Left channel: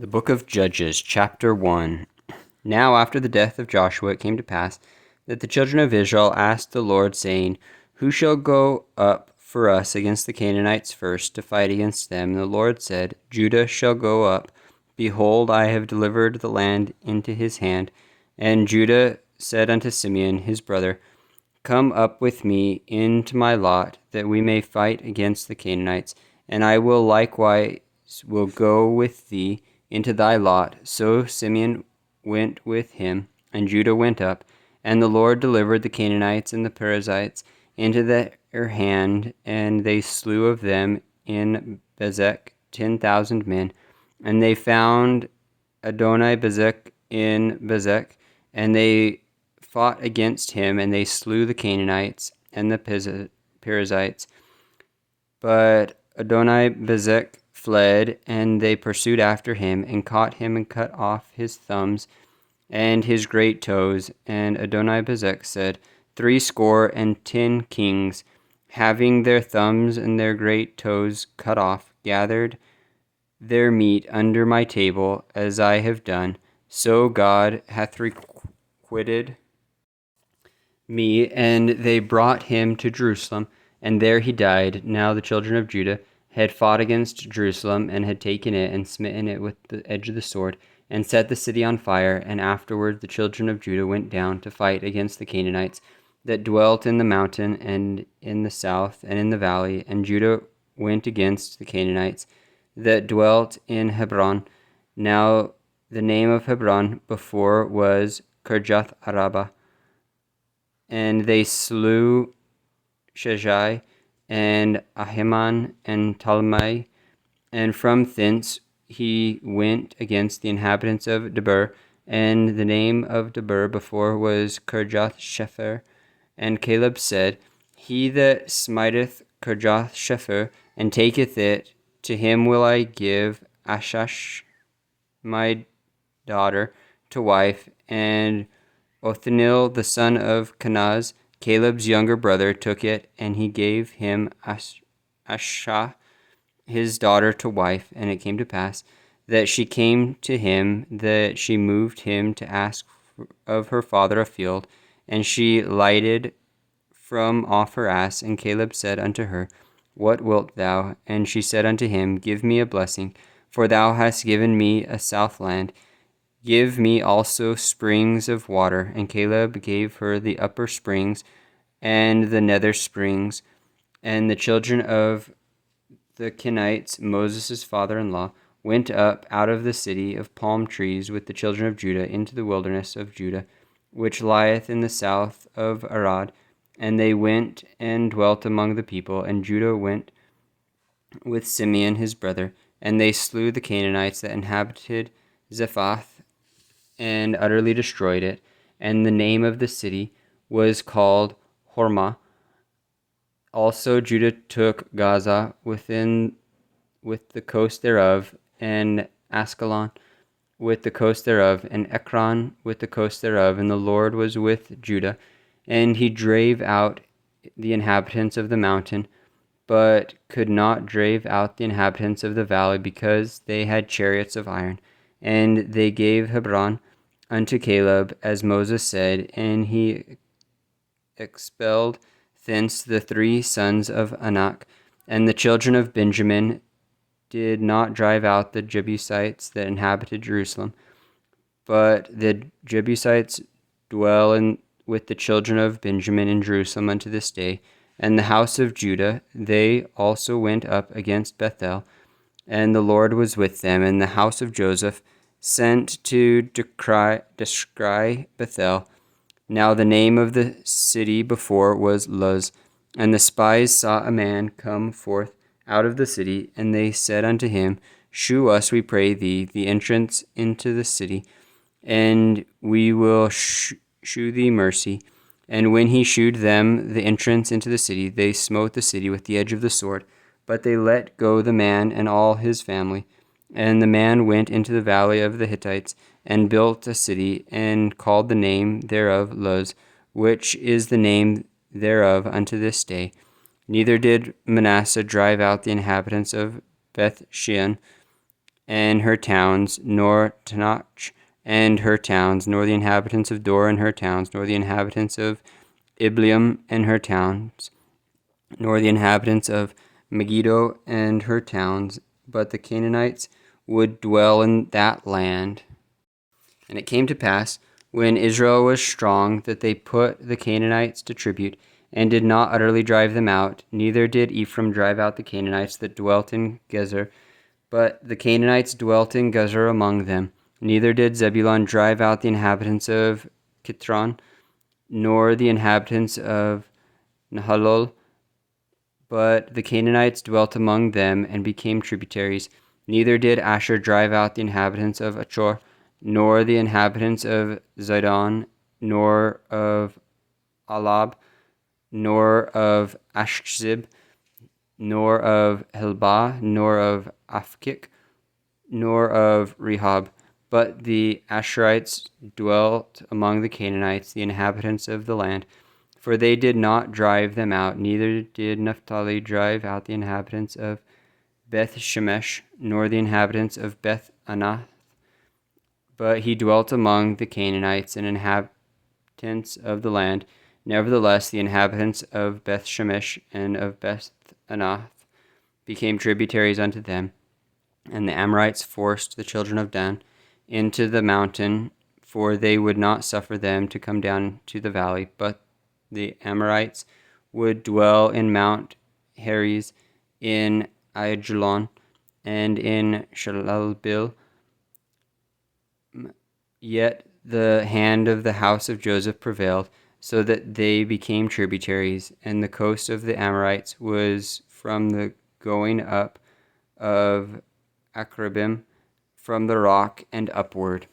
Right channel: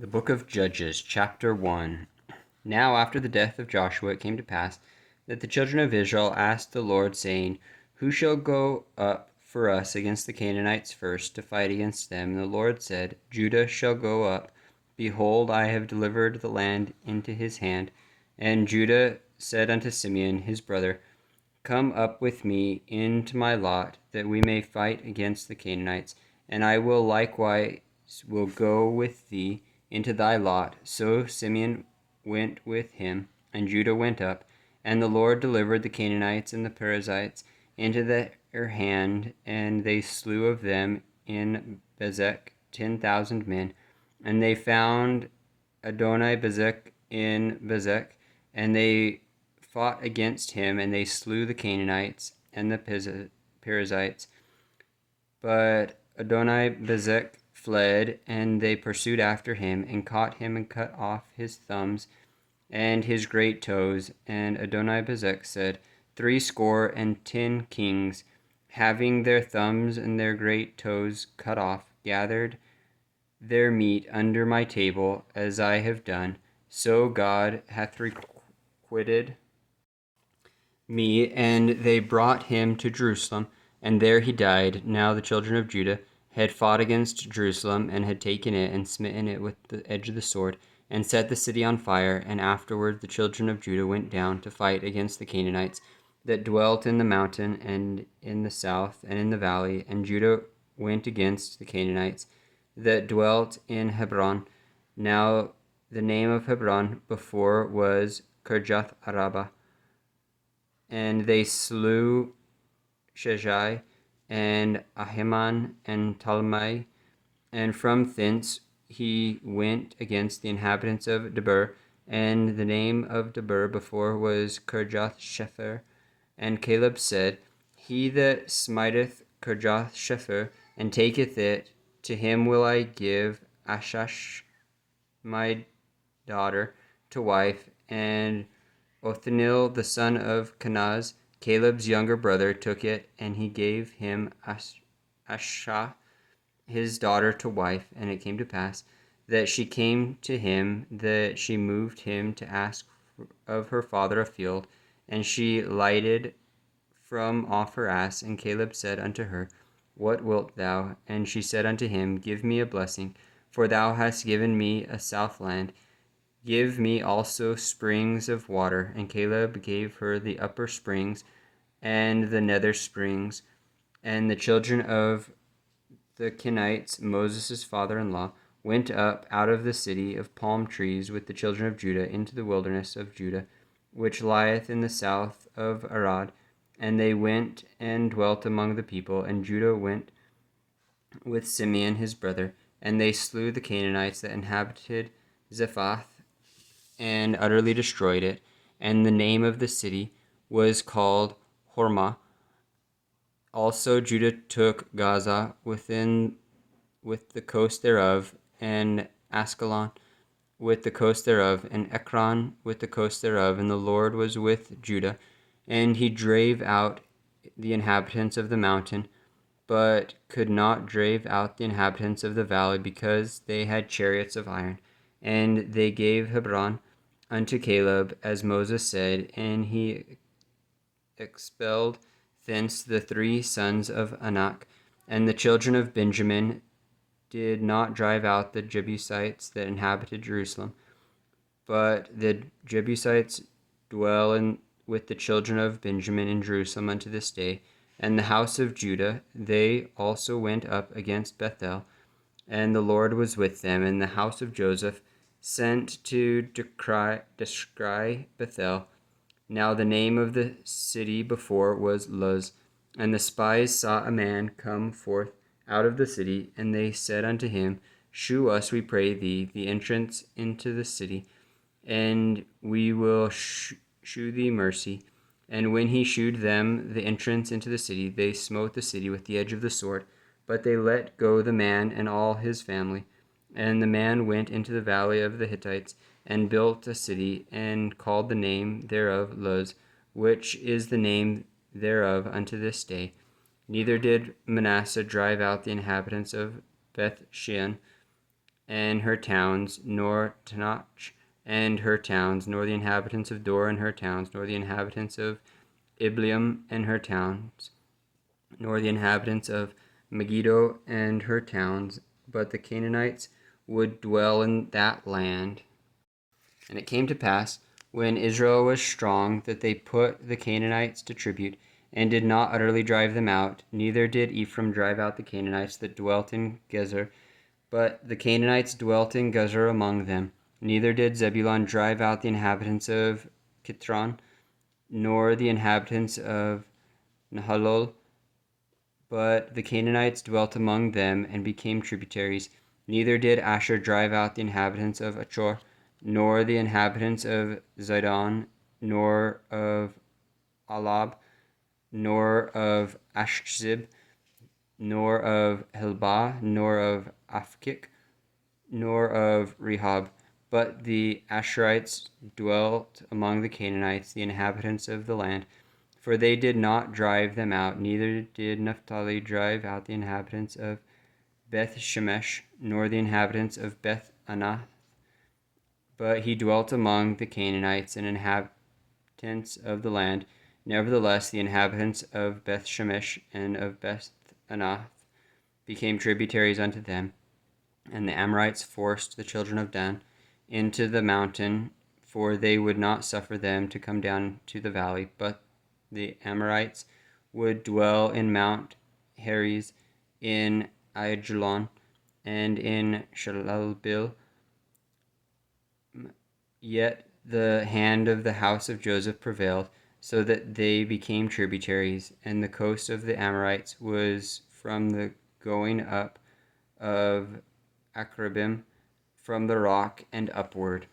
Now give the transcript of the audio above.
The Book of Judges, Chapter 1. Now after the death of Joshua it came to pass that the children of Israel asked the Lord, saying, Who shall go up for us against the Canaanites first, to fight against them? And the Lord said, Judah shall go up. Behold, I have delivered the land into his hand. And Judah said unto Simeon his brother, Come up with me into my lot, that we may fight against the Canaanites, and I will likewise go with thee into thy lot. So Simeon went with him, and Judah went up. And the Lord delivered the Canaanites and the Perizzites into their hand, and they slew of them in Bezek 10,000 men. And they found Adoni-Bezek in Bezek, and they fought against him, and they slew the Canaanites and the Perizzites. But Adoni-Bezek fled, and they pursued after him, and caught him, and cut off his thumbs and his great toes. And Adoni-Bezek said, 70 kings, having their thumbs and their great toes cut off, gathered their meat under my table, as I have done. So God hath requited me. And they brought him to Jerusalem, and there he died. Now the children of Judah had fought against Jerusalem, and had taken it, and smitten it with the edge of the sword, and set the city on fire. And afterward the children of Judah went down to fight against the Canaanites that dwelt in the mountain, and in the south, and in the valley. And Judah went against the Canaanites that dwelt in Hebron. Now the name of Hebron before was Kirjath Arabah. And they slew Sheshai, and Ahiman, and Talmai. And from thence he went against the inhabitants of Debir, and the name of Debir before was Kirjath Shepher. And Caleb said, He that smiteth Kirjath Shepher, and taketh it, to him will I give Ashash my daughter to wife. And Othniel the son of Kenaz, Caleb's younger brother, took it, and he gave him Ashah his daughter to wife. And it came to pass that she came to him, that she moved him to ask of her father a field, and she lighted from off her ass. And Caleb said unto her, What wilt thou? And she said unto him, Give me a blessing, for thou hast given me a south land. Give me also springs of water. And Caleb gave her the upper springs and the nether springs. And the children of the Kenites, Moses' father-in-law, went up out of the city of palm trees with the children of Judah into the wilderness of Judah, which lieth in the south of Arad. And they went and dwelt among the people. And Judah went with Simeon his brother, and they slew the Canaanites that inhabited Zephath, and utterly destroyed it. And the name of the city was called Hormah. Also Judah took Gaza with the coast thereof, and Askelon with the coast thereof, and Ekron with the coast thereof. And the Lord was with Judah, and he drave out the inhabitants of the mountain, but could not drive out the inhabitants of the valley, because they had chariots of iron. And they gave Hebron unto Caleb, as Moses said, and he expelled thence the 3 sons of Anak. And the children of Benjamin did not drive out the Jebusites that inhabited Jerusalem, but the Jebusites dwell with the children of Benjamin in Jerusalem unto this day. And the house of Judah, they also went up against Bethel, and the Lord was with them. And the house of Joseph sent to descry Bethel. Now the name of the city before was Luz. And the spies saw a man come forth out of the city, and they said unto him, Shew us, we pray thee, the entrance into the city, and we will shew thee mercy. And when he shewed them the entrance into the city, they smote the city with the edge of the sword. But they let go the man and all his family. And the man went into the valley of the Hittites, and built a city, and called the name thereof Luz, which is the name thereof unto this day. Neither did Manasseh drive out the inhabitants of Beth Shean, and her towns, nor Tanach and her towns, nor the inhabitants of Dor and her towns, nor the inhabitants of Ibleam and her towns, nor the inhabitants of Megiddo and her towns, but the Canaanites would dwell in that land. And it came to pass, when Israel was strong, that they put the Canaanites to tribute, and did not utterly drive them out, neither did Ephraim drive out the Canaanites that dwelt in Gezer, but the Canaanites dwelt in Gezer among them. Neither did Zebulun drive out the inhabitants of Kitron, nor the inhabitants of Nahalol, but the Canaanites dwelt among them and became tributaries. Neither did Asher drive out the inhabitants of Achor, nor the inhabitants of Zidon, nor of Alab, nor of Ashzib, nor of Helbah, nor of Afkik, nor of Rehob. But the Asherites dwelt among the Canaanites, the inhabitants of the land, for they did not drive them out. Neither did Naphtali drive out the inhabitants of Beth Shemesh, nor the inhabitants of Beth Anath, but he dwelt among the Canaanites and inhabitants of the land. Nevertheless, the inhabitants of Beth Shemesh and of Beth Anath became tributaries unto them. And the Amorites forced the children of Dan into the mountain, for they would not suffer them to come down to the valley. But the Amorites would dwell in Mount Heres, in Aijalon, and in Shalalbil. Yet the hand of the house of Joseph prevailed, so that they became tributaries, and the coast of the Amorites was from the going up of Akrabim, from the rock and upward.